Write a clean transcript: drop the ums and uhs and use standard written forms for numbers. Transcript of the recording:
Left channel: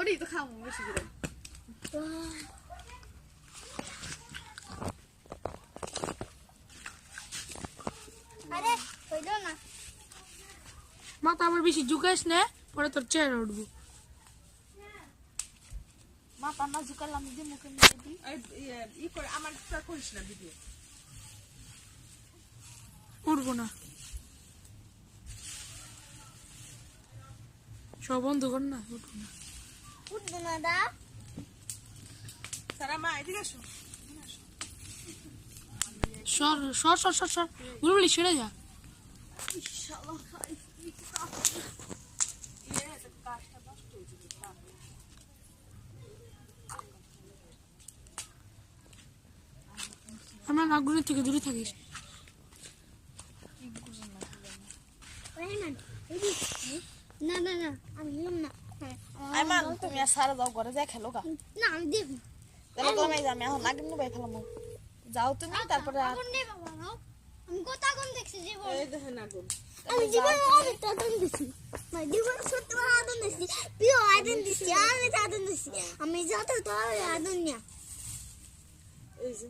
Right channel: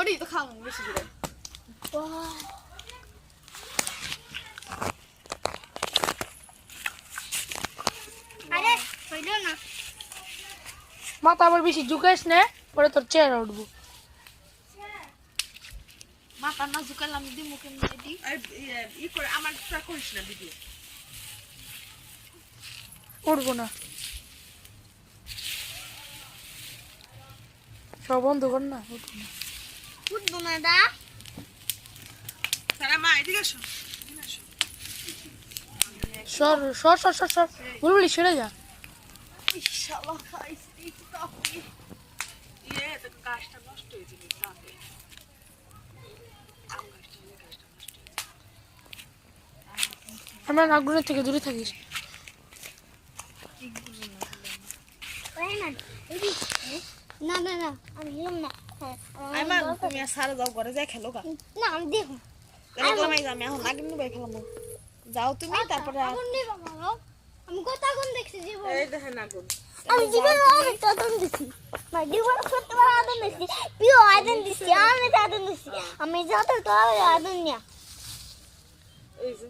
ওরই তো খাও বেশি করে আরে হইল না মাথা আবার বেশি ঝুঁকাইস না পরে তোর চেহারা উঠবো মাথা না ঝুকালে আমি দি মুখে দিই ই করে আমার করিস না ভিডিও উঠবো না সব বন্ধ কর না উঠবো না উঠবো না দা সারা মা এদিকে আসো সর সর সর সর সর বুলবুলি ছেড়ে যা ইনশাআল্লাহ খাইছি তাপি তো গাছটা নষ্ট হয়ে যাবে তাপে আম গাছটা নষ্ট আমরা নাগগুনের থেকে দূরে থাকিস না না না আমি গেলাম না আইমান তুমি আর সারা যাও ঘরে যা খেলো গা না আমি দেখো কেন গেলাম আমি এখন আগে নিয়ে বাই খেলাম যাও তুমি তারপরে আগুন নেই বাবা আমি কত আগুন দেখছি জীবন এই দেখেন আগুন আমি জীবনে অনেক আগুন দিছি ভাই জীবনে সত্যবার আগুন দিছি প্রিয় আগুন দিছি অনেক আগুন দিছি আমি যত তো আগুন নিয়া এই যে